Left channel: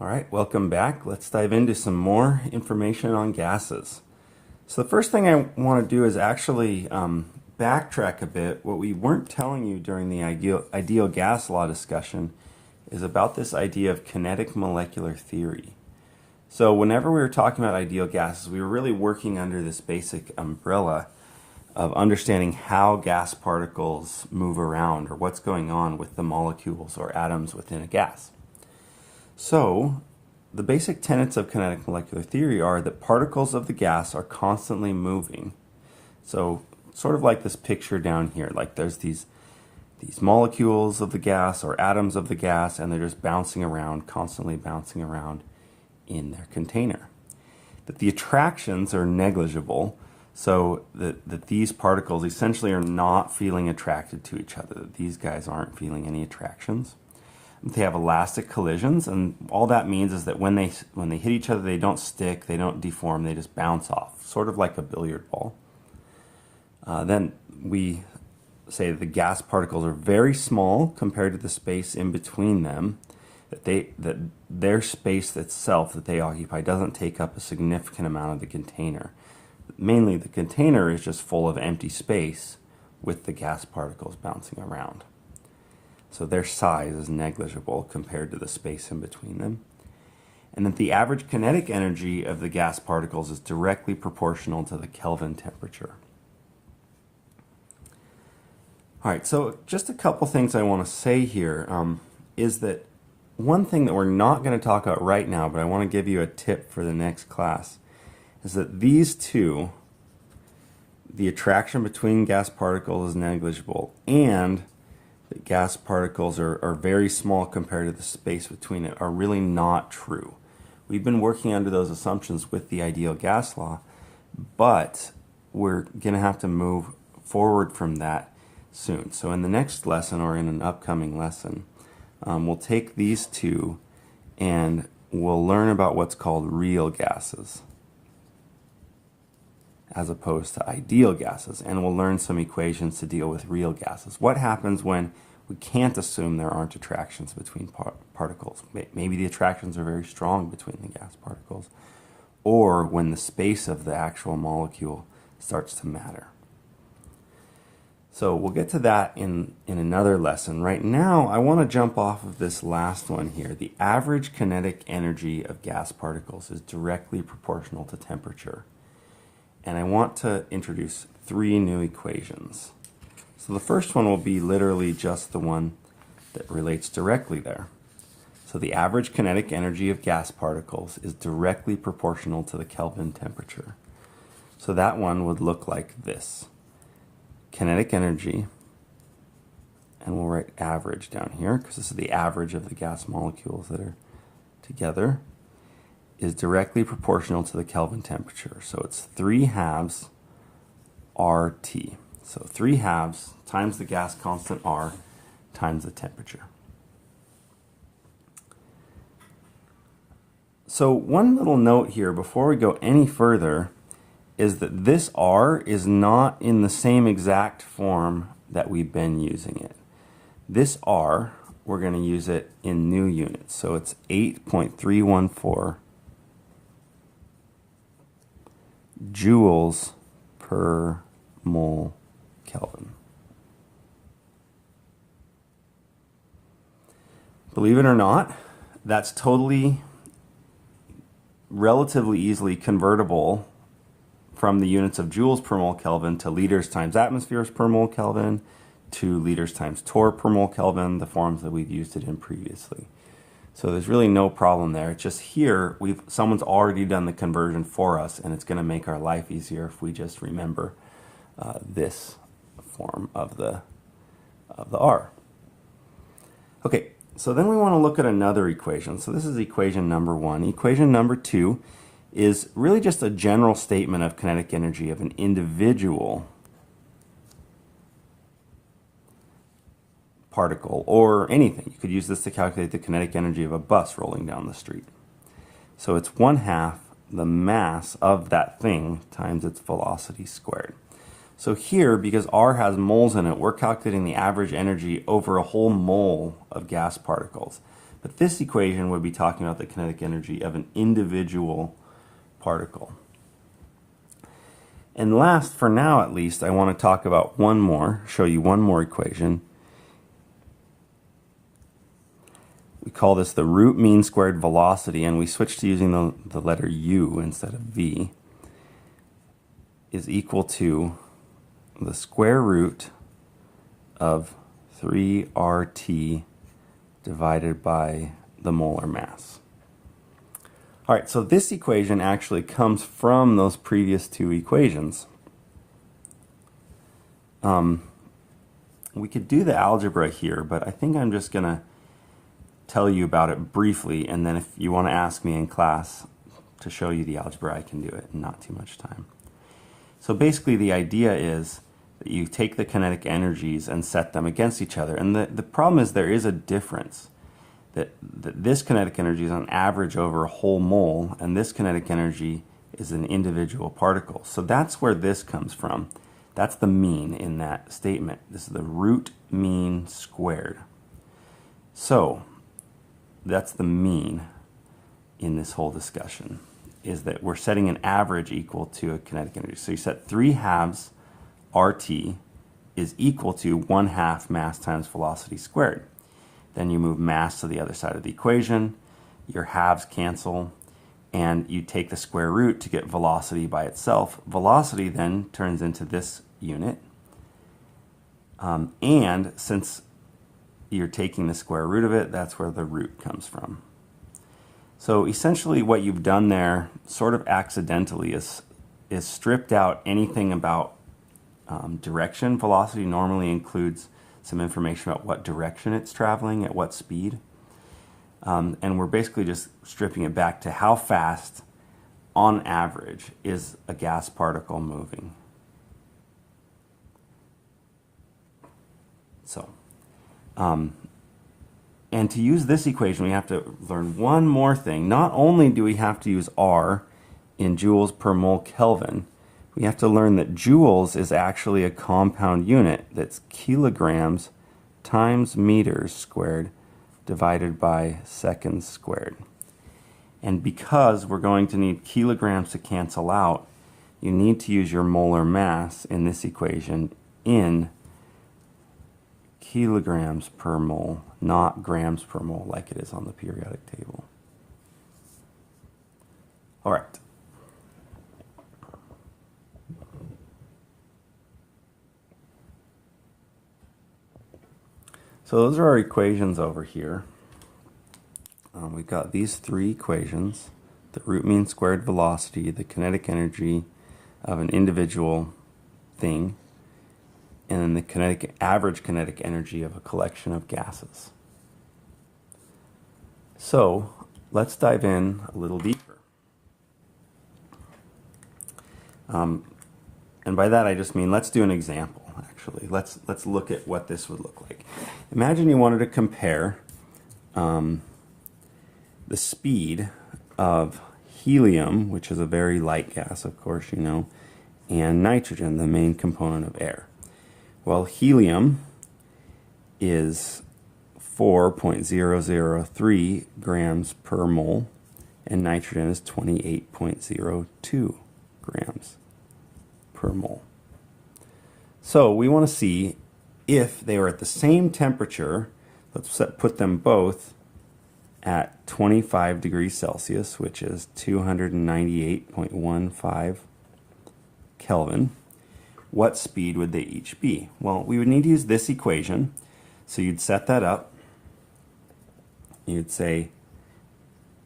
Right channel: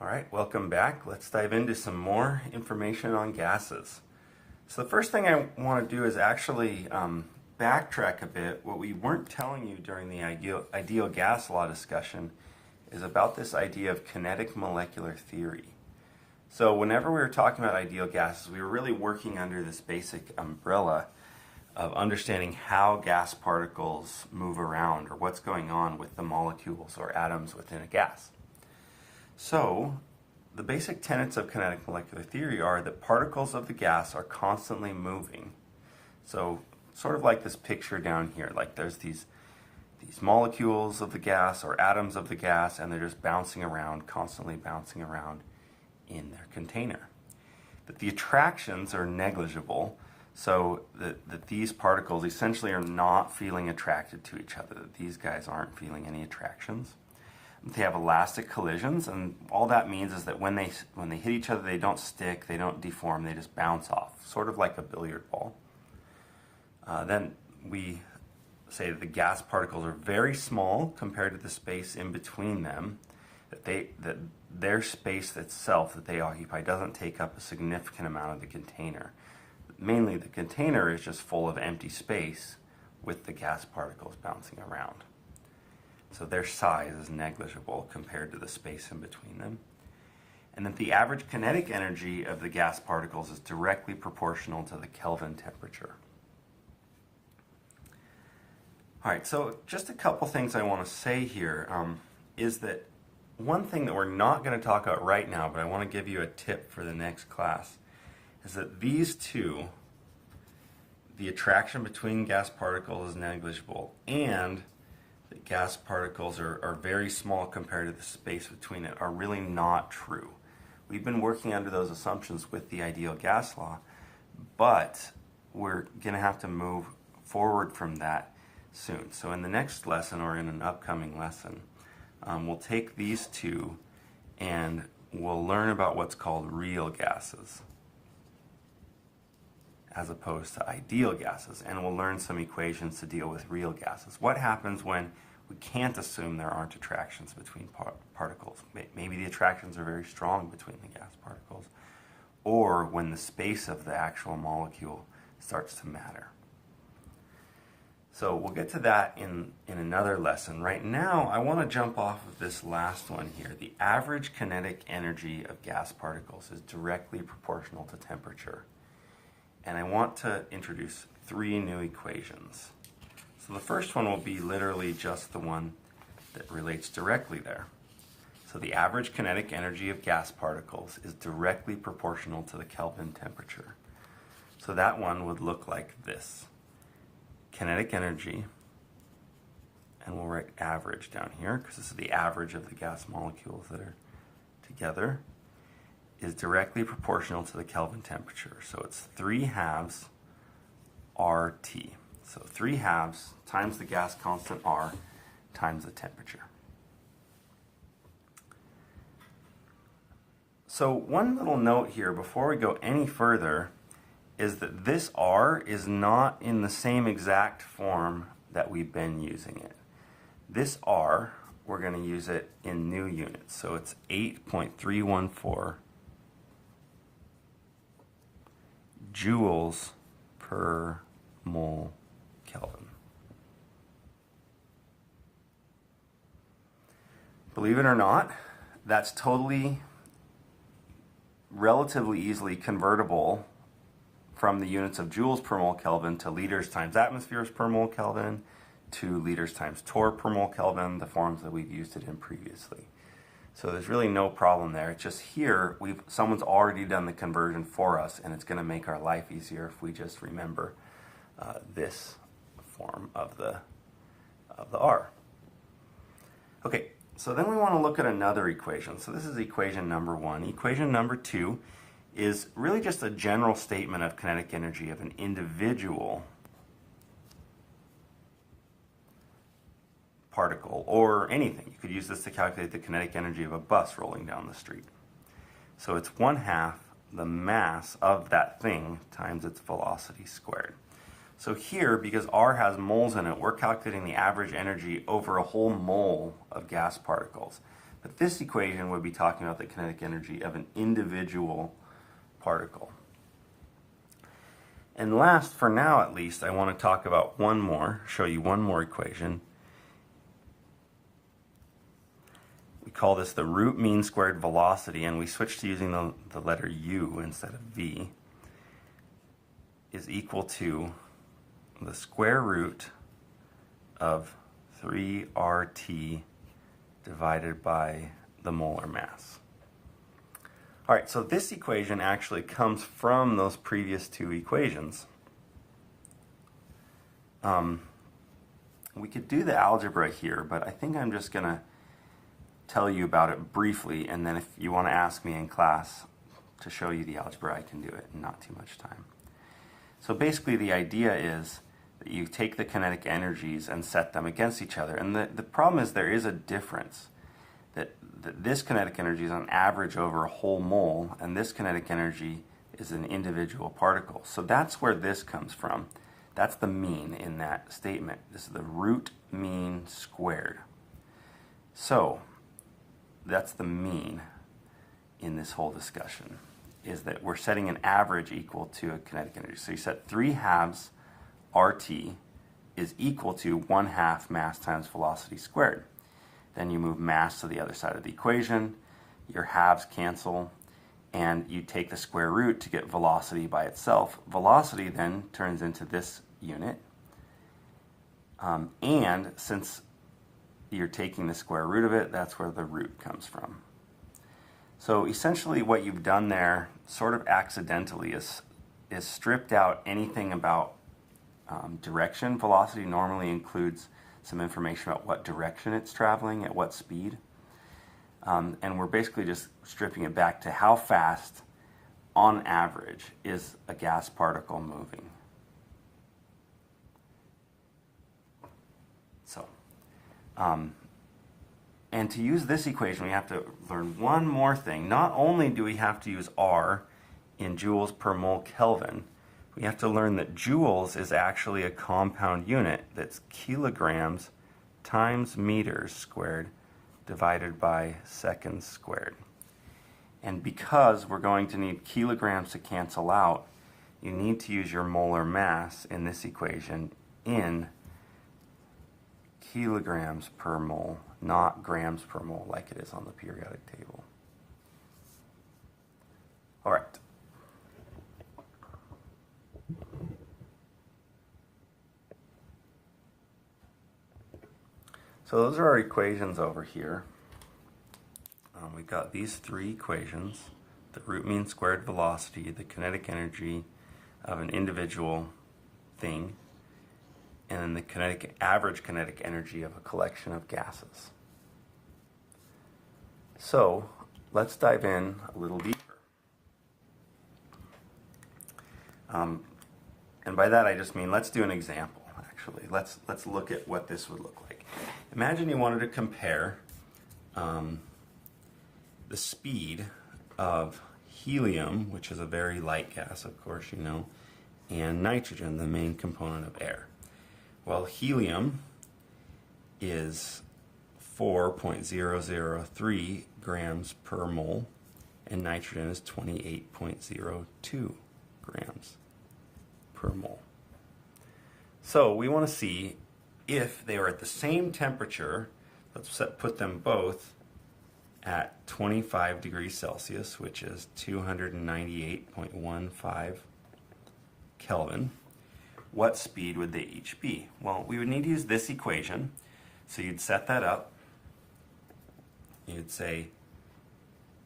All right, welcome back. Let's dive into some more information on gases. So the first thing I want to do is actually backtrack a bit. What we weren't telling you during the ideal gas law discussion is about this idea of kinetic molecular theory. So whenever we were talking about ideal gases, we were really working under this basic umbrella of understanding how gas particles move around or what's going on with the molecules or atoms within a gas. So, the basic tenets of kinetic molecular theory are that particles of the gas are constantly moving. So, sort of like this picture down here, like there's these molecules of the gas or atoms of the gas, and they're just bouncing around, constantly bouncing around in their container. That the attractions are negligible, so that these particles essentially are not feeling attracted to each other, that these guys aren't feeling any attractions. They have elastic collisions, and all that means is that when they hit each other, they don't stick, they don't deform, they just bounce off, sort of like a billiard ball. Then we say that the gas particles are very small compared to the space in between them, that their space itself that they occupy doesn't take up a significant amount of the container. Mainly the container is just full of empty space with the gas particles bouncing around. So their size is negligible compared to the space in between them. And that the average kinetic energy of the gas particles is directly proportional to the Kelvin temperature. All right, so just a couple things I want to say here is that one thing that we're not going to talk about right now, but I want to give you a tip for the next class, is that these two, the attraction between gas particles is negligible, and that gas particles are very small compared to the space between it, are really not true. We've been working under those assumptions with the ideal gas law, but we're going to have to move forward from that soon. So in the next lesson, or in an upcoming lesson, we'll take these two and we'll learn about what's called real gases as opposed to ideal gases, and we'll learn some equations to deal with real gases. What happens when we can't assume there aren't attractions between particles? Maybe the attractions are very strong between the gas particles, or when the space of the actual molecule starts to matter. So we'll get to that in another lesson. Right now, I want to jump off of this last one here. The average kinetic energy of gas particles is directly proportional to temperature. And I want to introduce three new equations. So the first one will be literally just the one that relates directly there. So the average kinetic energy of gas particles is directly proportional to the Kelvin temperature. So that one would look like this. Kinetic energy, and we'll write average down here because this is the average of the gas molecules that are together, is directly proportional to the Kelvin temperature. So it's 3/2 RT. So 3/2 times the gas constant R times the temperature. So one little note here before we go any further is that this R is not in the same exact form that we've been using it. This R, we're going to use it in new units. So it's 8.314 joules per mole Kelvin. Believe it or not, that's totally relatively easily convertible from the units of joules per mole Kelvin to liters times atmospheres per mole Kelvin to liters times torr per mole Kelvin, the forms that we've used it in previously. So there's really no problem there. It's just here, someone's already done the conversion for us, and it's going to make our life easier if we just remember this form of the R. Okay, so then we want to look at another equation. So this is equation number one. Equation number two is really just a general statement of kinetic energy of an individual particle or anything. You could use this to calculate the kinetic energy of a bus rolling down the street. So it's 1/2 the mass of that thing times its velocity squared. So here, because R has moles in it, we're calculating the average energy over a whole mole of gas particles. But this equation would be talking about the kinetic energy of an individual particle. And last, for now at least, I want to talk about show you one more equation. We call this the root mean squared velocity, and we switched to using the letter U instead of V, is equal to the square root of 3RT divided by the molar mass. All right, so this equation actually comes from those previous two equations. We could do the algebra here, but I think I'm just going to tell you about it briefly, and then if you want to ask me in class to show you the algebra, I can do it in not too much time. So basically the idea is that you take the kinetic energies and set them against each other. And the problem is there is a difference. That this kinetic energy is on average over a whole mole, and this kinetic energy is an individual particle. So that's where this comes from. That's the mean in that statement. This is the root mean squared. So that's the mean in this whole discussion, is that we're setting an average equal to a kinetic energy. So you set 3/2 RT is equal to 1/2 mass times velocity squared. Then you move mass to the other side of the equation, your halves cancel, and you take the square root to get velocity by itself. Velocity then turns into this unit, and since you're taking the square root of it, that's where the root comes from. So essentially what you've done there, sort of accidentally, is stripped out anything about direction. Velocity normally includes some information about what direction it's traveling, at what speed. And we're basically just stripping it back to how fast, on average, is a gas particle moving. So, and to use this equation, we have to learn one more thing. Not only do we have to use R in joules per mole Kelvin, we have to learn that joules is actually a compound unit that's kilograms times meters squared divided by seconds squared. And because we're going to need kilograms to cancel out, you need to use your molar mass in this equation in kilograms per mole, not grams per mole like it is on the periodic table. All right. So those are our equations over here. We've got these three equations: the root mean squared velocity, the kinetic energy of an individual thing, and then the average kinetic energy of a collection of gases. So let's dive in a little deeper. And by that I just mean let's do an example. Actually, let's look at what this would look like. Imagine you wanted to compare the speed of helium, which is a very light gas, of course you know, and nitrogen, the main component of air. Well, helium is 4.003 grams per mole, and nitrogen is 28.02 grams per mole. So we want to see if they are at the same temperature. Let's put them both at 25 degrees Celsius, which is 298.15 Kelvin. What speed would they each be? Well, we would need to use this equation. So you'd set that up. You'd say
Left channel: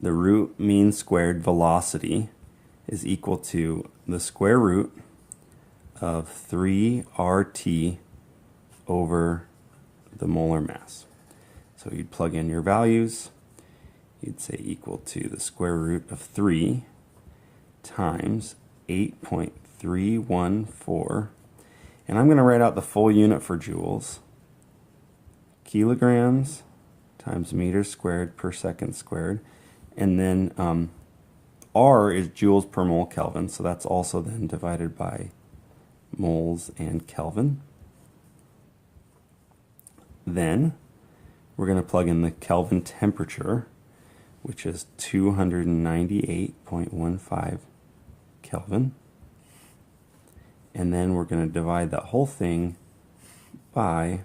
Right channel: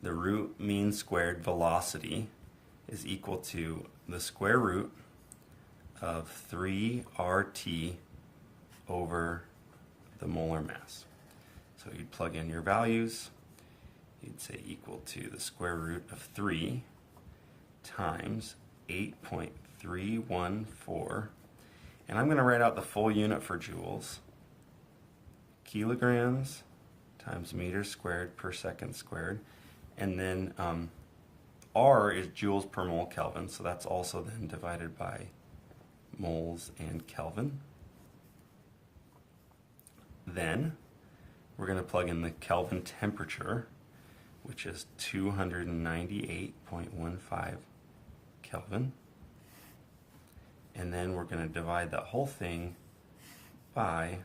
the root mean squared velocity is equal to the square root of 3RT over the molar mass. So you'd plug in your values. You'd say equal to the square root of 3 times 8.314. And I'm going to write out the full unit for joules. Kilograms times meters squared per second squared. And then R is joules per mole Kelvin, so that's also then divided by moles and Kelvin. Then we're going to plug in the Kelvin temperature, which is 298.15 Kelvin. And then we're going to divide that whole thing by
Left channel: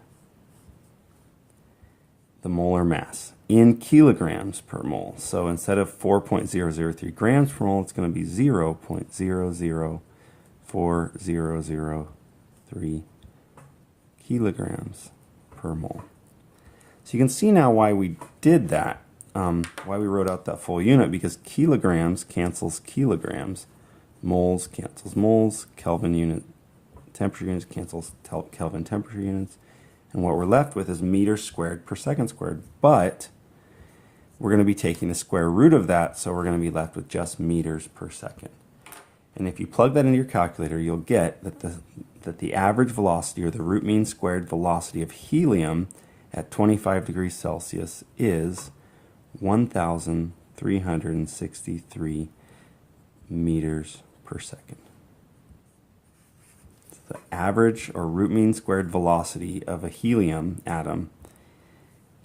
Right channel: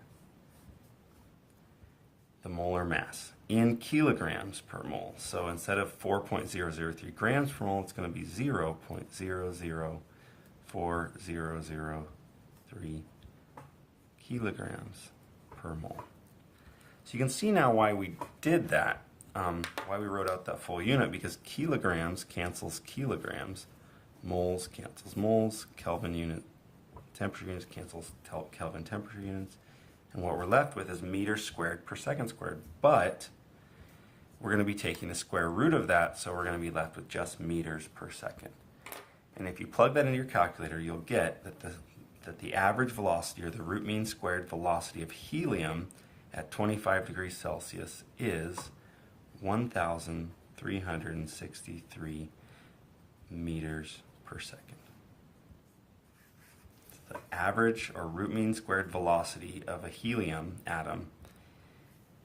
the molar mass in kilograms per mole. So instead of 4.003 grams per mole, it's going to be 0.004003 kilograms per mole. So you can see now why we did that, why we wrote out that full unit, because kilograms cancels kilograms, moles cancels moles, Kelvin unit temperature units cancels Kelvin temperature units, and what we're left with is meters squared per second squared. But we're going to be taking the square root of that, so we're going to be left with just meters per second. And if you plug that into your calculator, you'll get that the average velocity, or the root mean squared velocity of helium at 25 degrees Celsius is 1,363 meters per second. It's the average or root mean squared velocity of a helium atom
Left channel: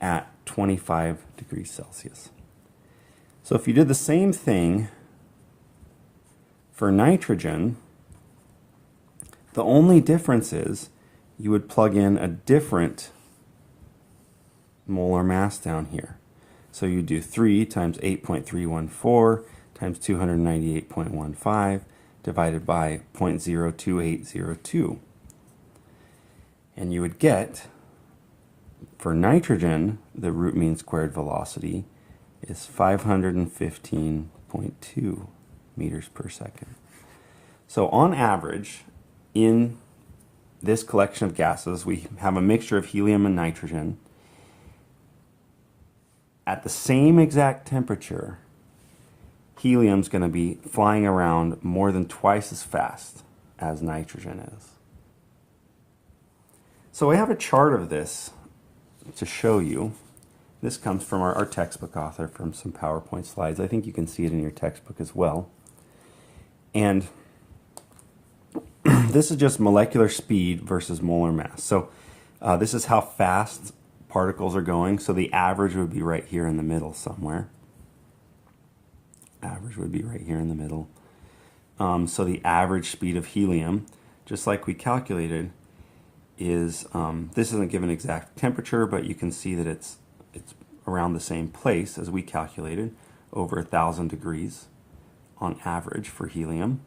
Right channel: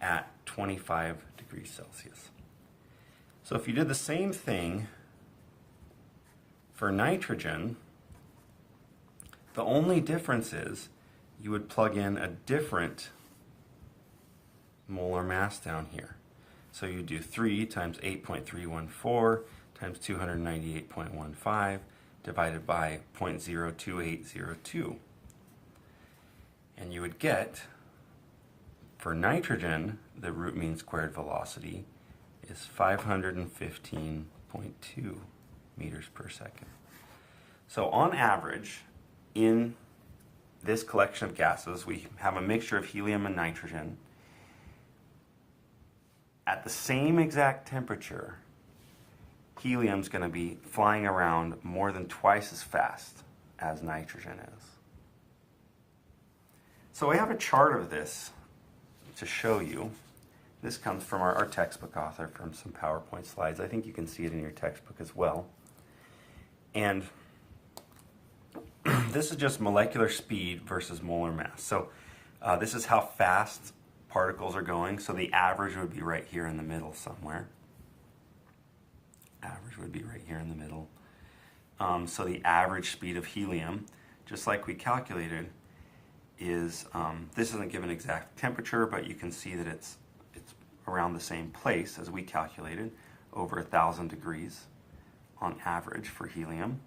at 25 degrees Celsius. So if you did the same thing for nitrogen, the only difference is you would plug in a different molar mass down here. So you do 3 times 8.314 times 298.15 divided by 0.02802. And you would get, for nitrogen, the root mean squared velocity is 515.2 meters per second. So on average, in this collection of gases, we have a mixture of helium and nitrogen. At the same exact temperature, helium's going to be flying around more than twice as fast as nitrogen is. So I have a chart of this to show you. This comes from our textbook author, from some PowerPoint slides. I think you can see it in your textbook as well. And this is just molecular speed versus molar mass. So this is how fast particles are going. So the average would be right here in the middle somewhere. Average would be right here in the middle. So the average speed of helium, just like we calculated, is, this isn't given exact temperature, but you can see that it's around the same place as we calculated, over 1,000 degrees on average for helium,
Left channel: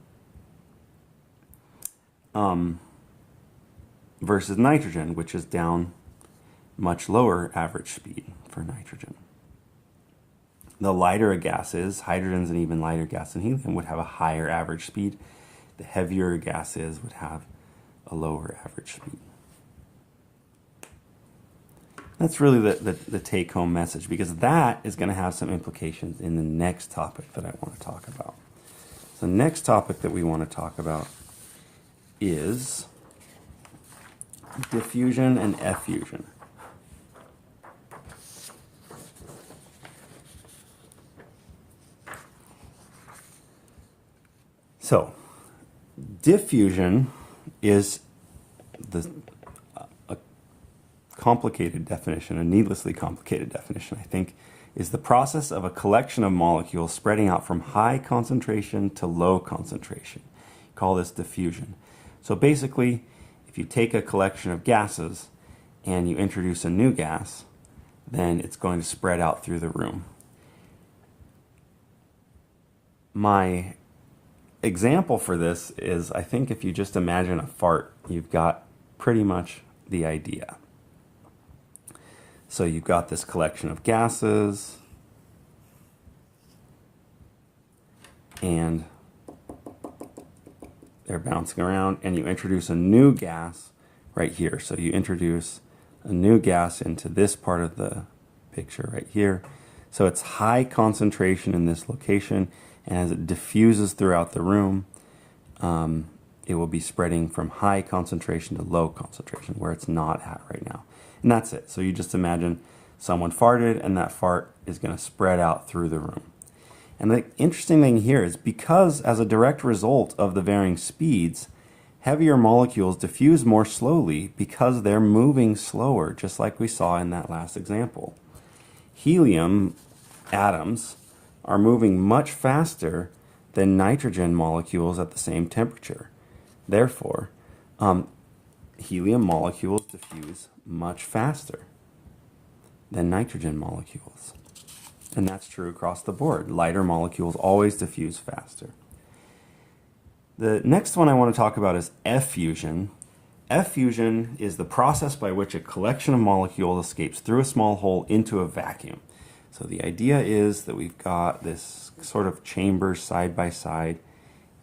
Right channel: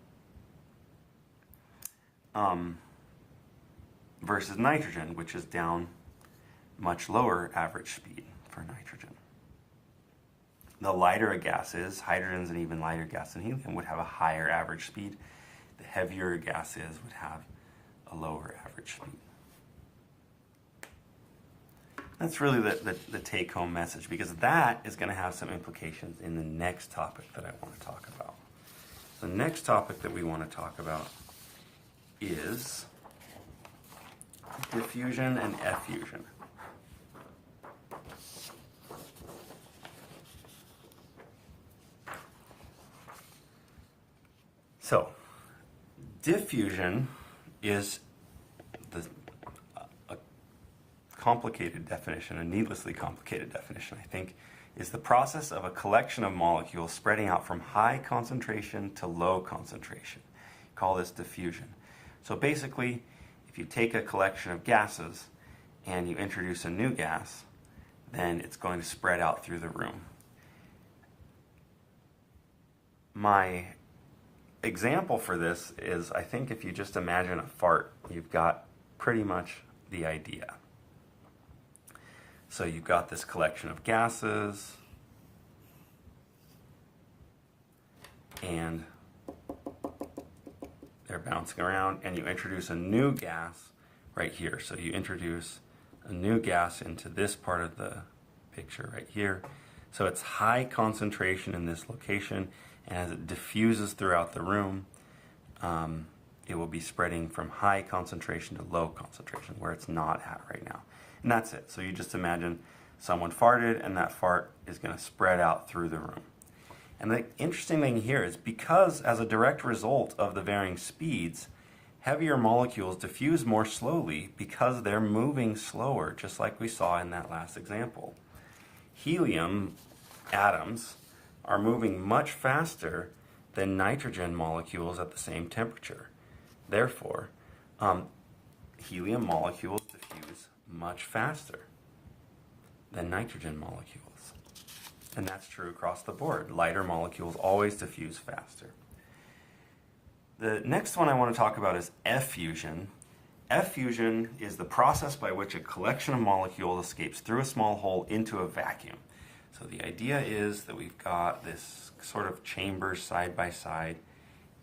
versus nitrogen, which is down much lower average speed for nitrogen. The lighter a gas is, hydrogen's an even lighter gas than helium, would have a higher average speed. The heavier a gas is, would have a lower average speed. That's really the take-home message, because that is going to have some implications in the next topic that I want to talk about. The next topic that we want to talk about is diffusion and effusion. So, diffusion is a complicated definition, a needlessly complicated definition, I think, is the process of a collection of molecules spreading out from high concentration to low concentration. Call this diffusion. So basically, if you take a collection of gases and you introduce a new gas, then it's going to spread out through the room. My example for this is, I think if you just imagine a fart, you've got pretty much the idea. So you've got this collection of gases, and they're bouncing around, and you introduce a new gas right here. So you introduce a new gas into this part of the picture right here. So it's high concentration in this location, and as it diffuses throughout the room, it will be spreading from high concentration to low concentration, where it's not at right now. And that's it. So you just imagine someone farted, and that fart is going to spread out through the room. And the interesting thing here is, because as a direct result of the varying speeds, Heavier molecules diffuse more slowly because they're moving slower, just like we saw in that last example. Helium atoms are moving much faster than nitrogen molecules at the same temperature. Therefore, helium molecules diffuse much faster than nitrogen molecules. And that's true across the board. Lighter molecules always diffuse faster. The next one I want to talk about is effusion. Effusion is the process by which a collection of molecules escapes through a small hole into a vacuum. So the idea is that we've got this sort of chambers side by side,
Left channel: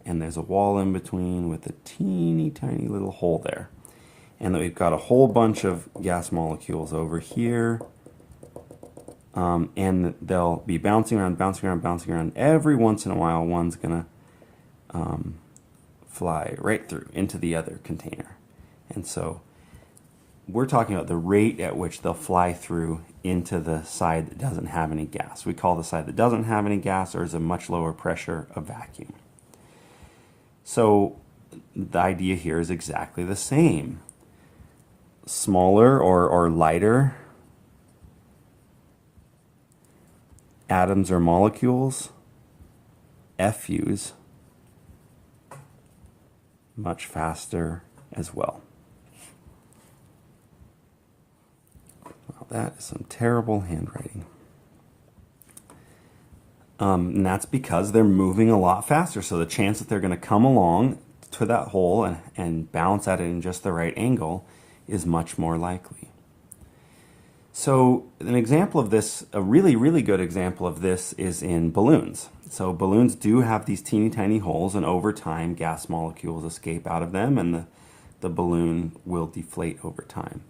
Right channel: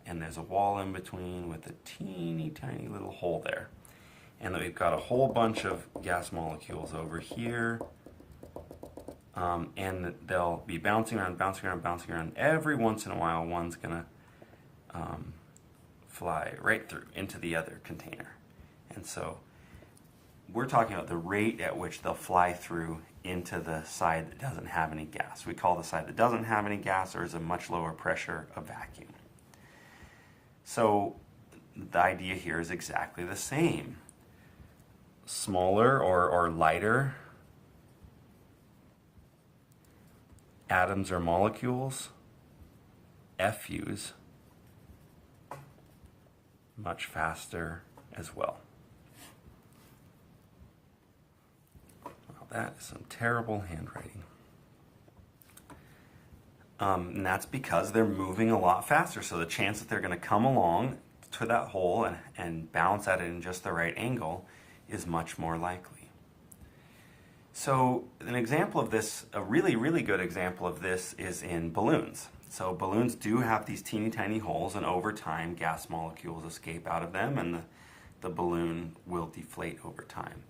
and there's a wall in between with a teeny tiny little hole there. And that we've got a whole bunch of gas molecules over here, and they'll be bouncing around, bouncing around, bouncing around. Every once in a while, one's going to fly right through into the other container. And so we're talking about the rate at which they'll fly through into the side that doesn't have any gas. We call the side that doesn't have any gas, or is a much lower pressure, a vacuum. So the idea here is exactly the same. Smaller or lighter atoms or molecules effuse much faster as well. Well, that is some terrible handwriting. And that's because they're moving a lot faster. So the chance that they're going to come along to that hole and bounce at it in just the right angle is much more likely. So an example of this, a really, really good example of this is in balloons. So balloons do have these teeny tiny holes, and over time gas molecules escape out of them, and the balloon will deflate over time.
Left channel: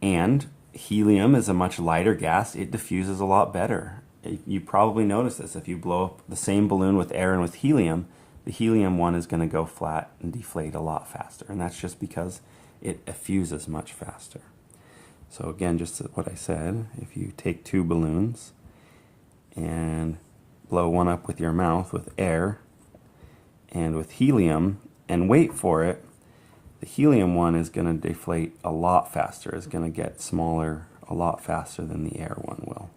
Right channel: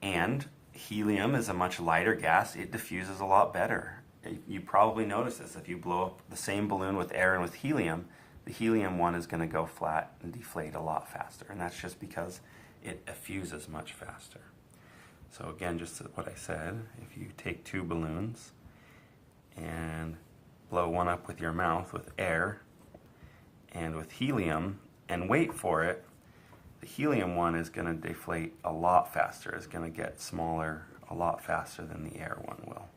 And helium is a much lighter gas. It diffuses a lot better. You probably notice this. If you blow up the same balloon with air and with helium, the helium one is going to go flat and deflate a lot faster. And that's just because it effuses much faster. So again, just what I said, if you take two balloons and blow one up with your mouth with air and with helium and wait for it, the helium one is going to deflate a lot faster. It's going to get smaller a lot faster than the air one will.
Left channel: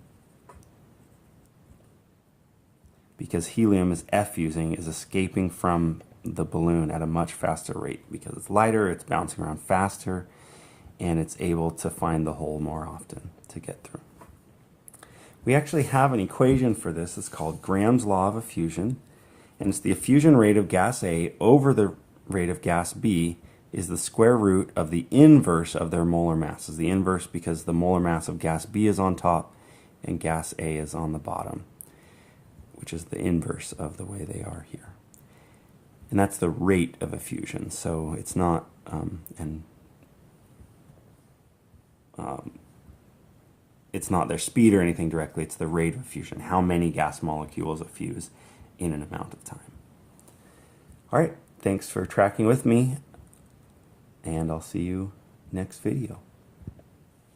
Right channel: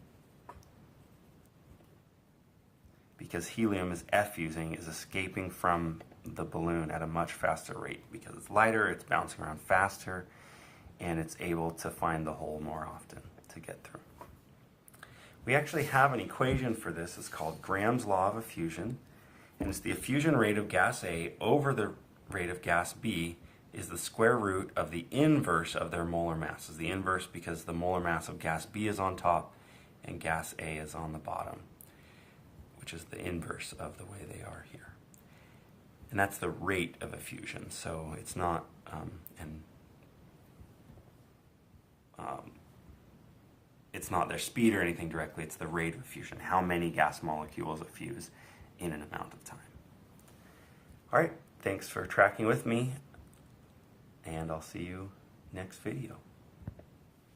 Because helium is effusing, is escaping from the balloon at a much faster rate. Because it's lighter, it's bouncing around faster, and it's able to find the hole more often to get through. We actually have an equation for this. It's called Graham's Law of Effusion, and it's the effusion rate of gas A over the rate of gas B is the square root of the inverse of their molar masses. The inverse because the molar mass of gas B is on top and gas A is on the bottom, which is the inverse of the way they are here. And that's the rate of effusion. So it's not it's not their speed or anything directly, it's the rate of effusion, how many gas molecules effuse in an amount of time. All right, thanks for tracking with me, and I'll see you next video.